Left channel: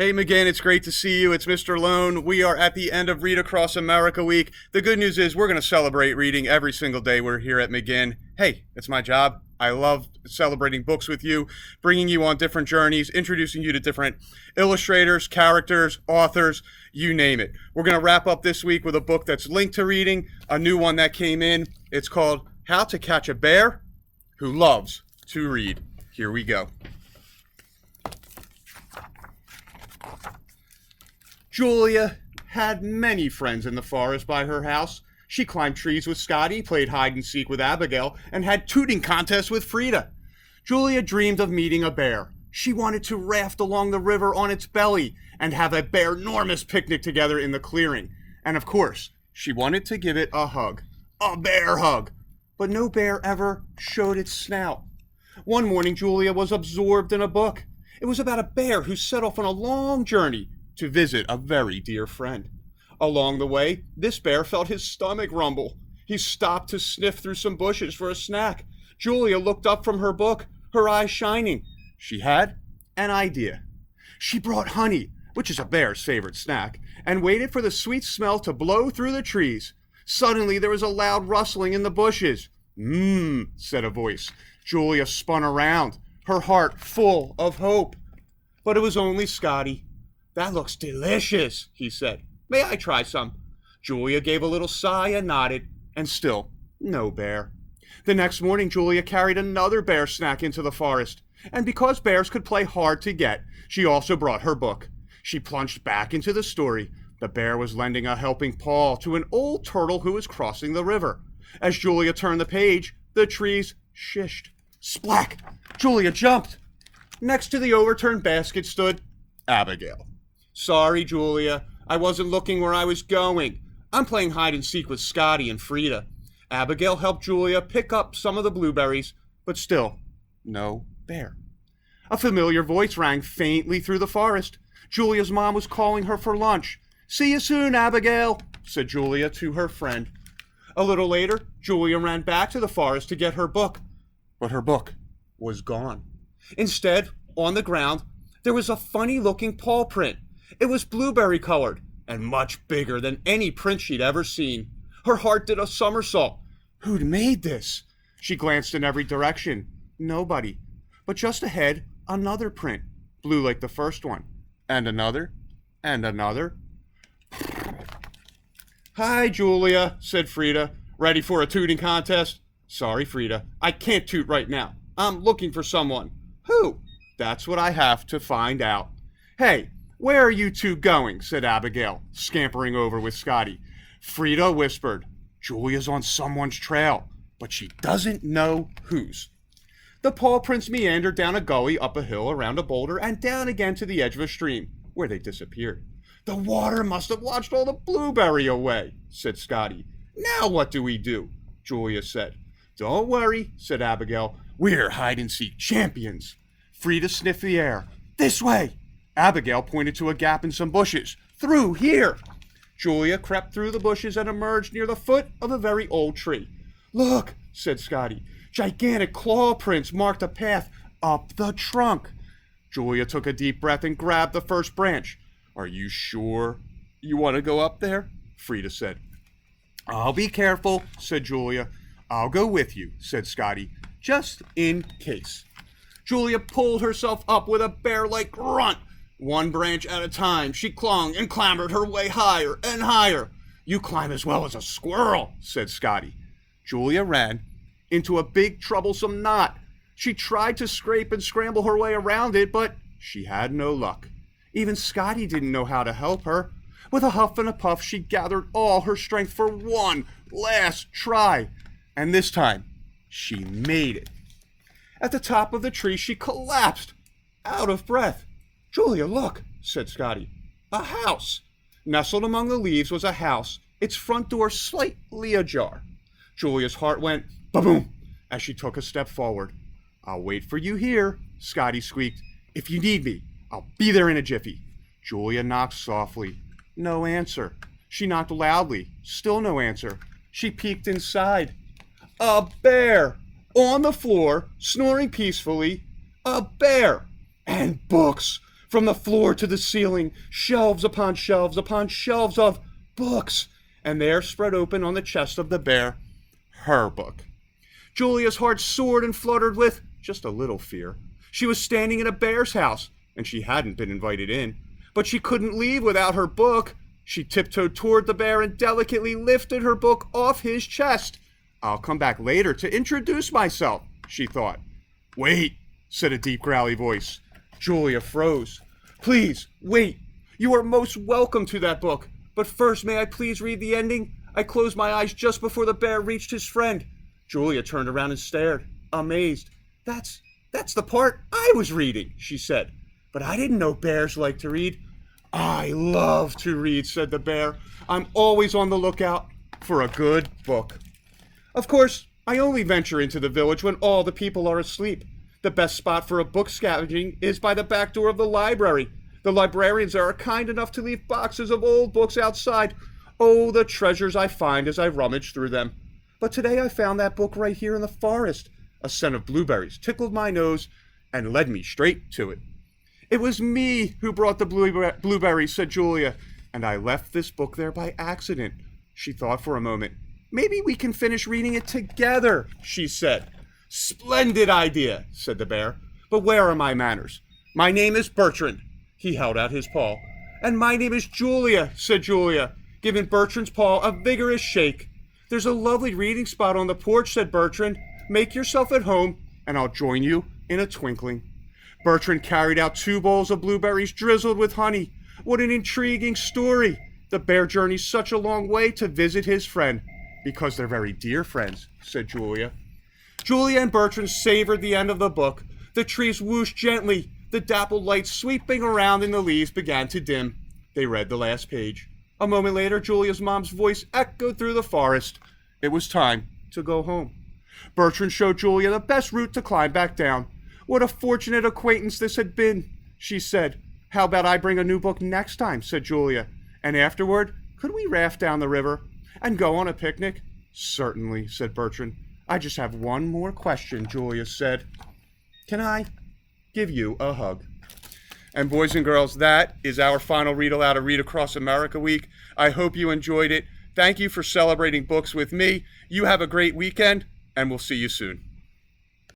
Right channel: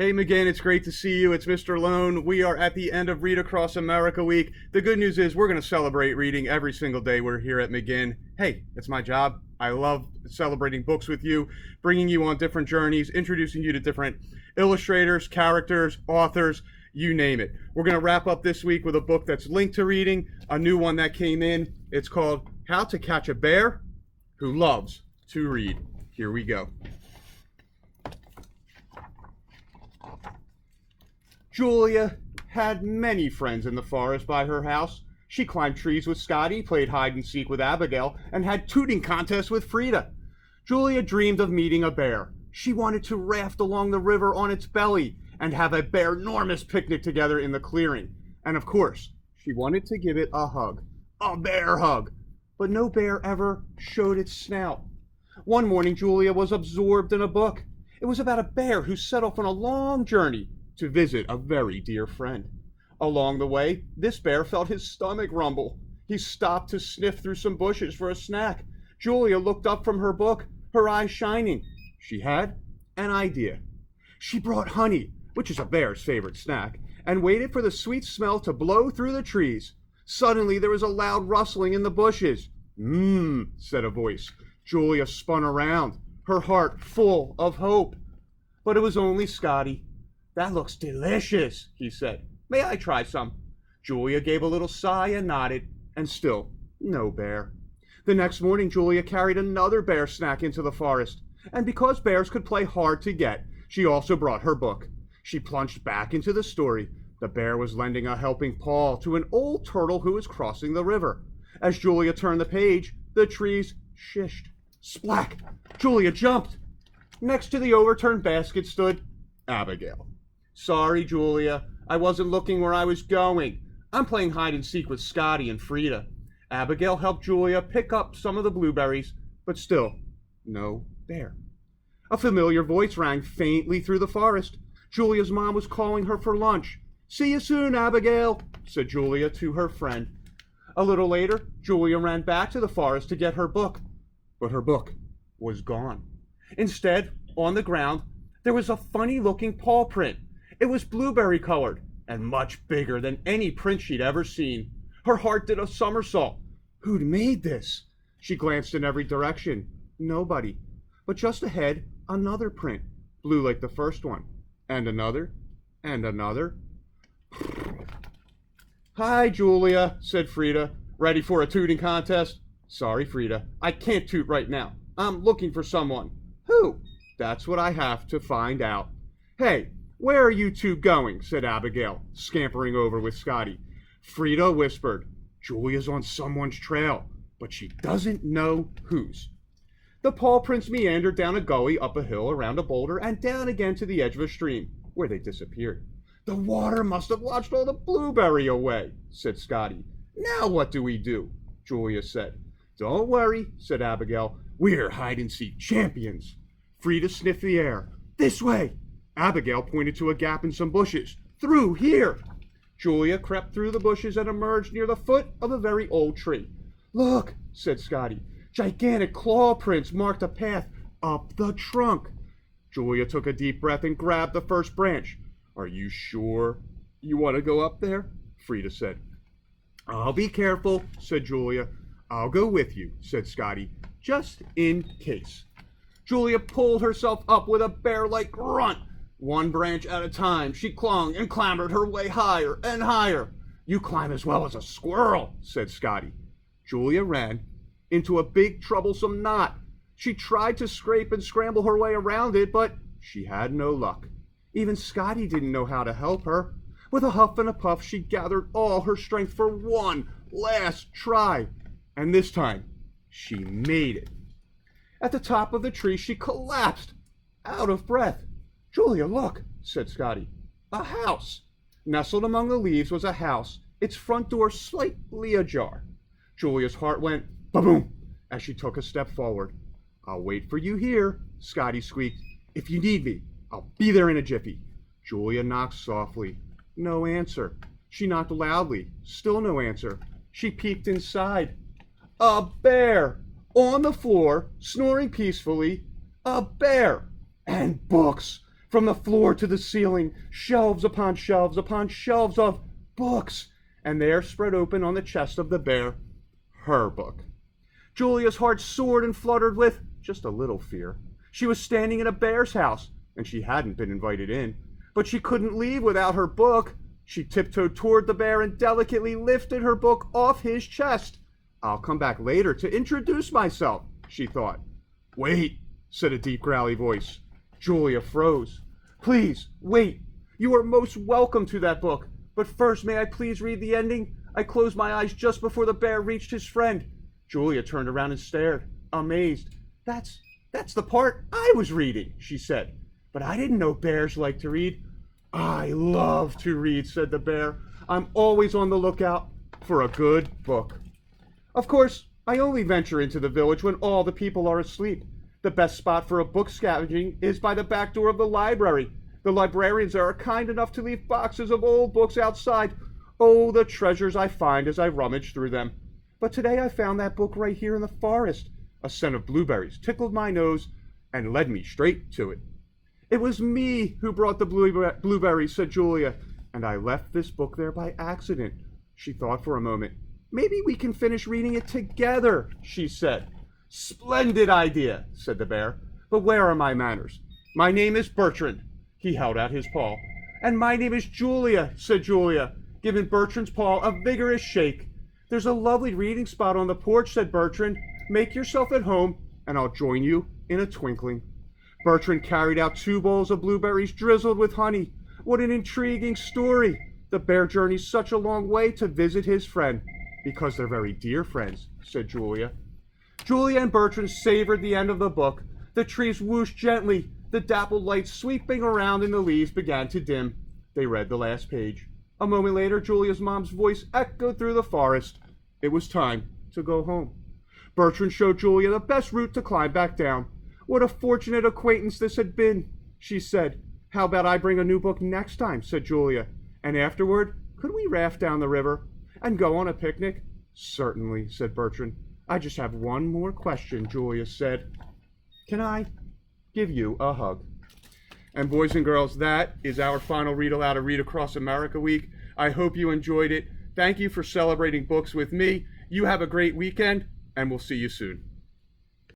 Hey McGinn, it's great to see you. It's Mr. Lohn. We are at the end of Read Across America Week. The good news is we're going to celebrate reading every single day we're here at McGinn. Hey, it's my job. I love celebrating books with you, bringing you on different journeys, introducing you to different illustrators, characters, authors, you name it. We're going to wrap up this week with a book that's linked to reading, a new one that came in. It's called How to Catch a Bear Who Loves to Read. Here we go. Julia had many friends in the forest by her house. She climbed trees with Scotty, played hide and seek with Abigail, and had tooting contests with Frida. Julia dreamed of meeting a bear. She wanted to raft along the river on its belly and have a bear-normous picnic together in the clearing. And of course, she wanted to give it a hug. A bear hug. But no bear ever showed its snout. One morning, Julia was absorbed in a book. It was about a bear who set off on a long journey to visit a very dear friend. Along the way, this bear felt his stomach rumble. He stopped to sniff through some bushes for a snack. Julia looked up from her book, her eyes shining. She had an idea. She brought honey, which is a bear's favorite snack, and waited for the sweet smell to blow through the trees. Suddenly, there was a loud rustling in the bushes. Said a voice. Julia spun around, her heart full of hope. But it was only Scotty. "That looks delicious," he said. "May I try some?" Julia gave a little sigh and nodded, and still no bear. The next morning, Julia carried another bear snack into the forest, and because bears could play hard to get, she also brought her book. She plunged back into the story. The bear was lending a helping paw to an old turtle who was crossing the river. As Julia turned the page, the trees shished. Splack! Julia jumped. Next to the overturned basket stood Abigail. "Sorry, Julia. I wasn't looking where I was going. I'm playing hide and seek with Scotty and Frida." Abigail helped Julia pick up some of the blueberries, but still, no bear. A familiar voice rang faintly through the forest. Julia's mom was calling her for lunch. "See you soon, Abigail," said Julia to her friend. A little later, Julia ran back to the forest to get her book, but her book was gone. Instead, on the ground, there was a funny-looking paw print. It was blueberry-colored and much bigger than any print she'd ever seen. Her heart did a somersault. Who'd made this? She glanced in every direction. Nobody. But just ahead, another print, blue like the first one. And another, and another. "Hi, Julia," said Frida. "Ready for a tooting contest?" "Sorry, Frida. I can't toot right now. I'm looking for someone." "Who?" "That's what I have to find out." "Hey, where are you two going?" said Abigail, scampering over with Scotty. Frida whispered, "Julia's on someone's trail, but she doesn't know whose." The paw prints meandered down a gully, up a hill, around a boulder, and down again to the edge of a stream, where they disappeared. "The water must have washed all the blueberry away," said Scotty. "Now what do we do?" Julia said. "Don't worry," said Abigail. "We're hide-and-seek champions." Frida sniffed the air. "This way!" Abigail pointed to a gap in some bushes. "Through here!" Julia crept through the bushes and emerged near the foot of a very old tree. "Look," said Scotty. "Gigantic claw prints marked a path up the trunk." Julia took a deep breath and grabbed the first branch. "Are you sure you want to go up there?" Frida said. "I'll be careful," said Julia. "I'll go with you," said Scotty, "just in case." Julia pulled herself up with a bear-like grunt. One branch at a time, she clung and clambered her way higher and higher. "You climb as well as a squirrel," said Scotty. Julia ran into a big troublesome knot. She tried to scrape and scramble her way around it, but she had no luck. Even Scotty didn't know how to help her. With a huff and a puff, she gathered all her strength for one last try. And this time, she made it. At the top of the tree, she collapsed, out of breath. "Julia, look," said Scotty. "A house." Nestled among the leaves was a house, its front door slightly ajar. Julia's heart went ba-boom as she took a step forward. "I'll wait for you here," Scotty squeaked. "If you need me, I'll be there in a jiffy." Julia knocked softly. No answer. She knocked loudly. Still no answer. She peeked inside. A bear! On the floor, snoring peacefully. A bear! And books! From the floor to the ceiling, shelves upon shelves of books, and there spread open on the chest of the bear, her book. Julia's heart soared and fluttered with just a little fear. She was standing in a bear's house, and she hadn't been invited in, but she couldn't leave without her book. She tiptoed toward the bear and delicately lifted her book off his chest. I'll come back later to introduce myself, she thought. Wait, said a deep, growly voice. Julia froze. Please, wait. You are most welcome to that book. But first, may I please read the ending? I closed my eyes just before the bear reached his friend. Julia turned around and stared, amazed. That's the part I was reading, she said. But I didn't know bears like to read. I love to read, said the bear. I'm always on the lookout for a good book. Of course, I only venture into the village when all the people are asleep. The best spot for a book scavenging is by the back door of the library. The librarians are kind enough to leave boxes of old books outside. Oh, the treasures I find as I rummage through them. But today I found that book right here in the forest. A scent of blueberries tickled my nose and led me straight to it. It was me who brought the blueberries, said Julia, and I left this book there by accident. She thought for a moment. Maybe we can finish reading it together, she said. Splendid idea, said the bear. But where are my manners? My name is Bertrand. He held out his paw. And my name is Julia, said Julia, giving Bertrand's paw a vigorous shake. There's a lovely reading spot on the porch, said Bertrand. Make yourself at home, and I'll join you in a twinkling. Bertrand carried out 2 bowls of blueberries drizzled with honey. What an intriguing story. The bear journeys such a long way to visit his friend. Because they're very dear friends, said Julia. Julia and Bertrand savored the end of the book. The trees whooshed gently. The dappled light sweeping around in the leaves began to dim. They read the last page. A moment later, Julia's mom's voice echoed through the forest. It was time to go home. Bertrand showed Julia the best route to climb back down. What a fortunate acquaintance this had been, she said. How about I bring a new book next time, said Julia. And afterward, could we raft down the river and go on a picnic? Certainly, said Bertrand. I just have one more question, Julia said. Can I give you a hug? And boys and girls, that is our final read aloud of Read Across America Week. I hope you enjoyed it. Thank you for celebrating books with me. You have a great weekend, and we'll see you soon.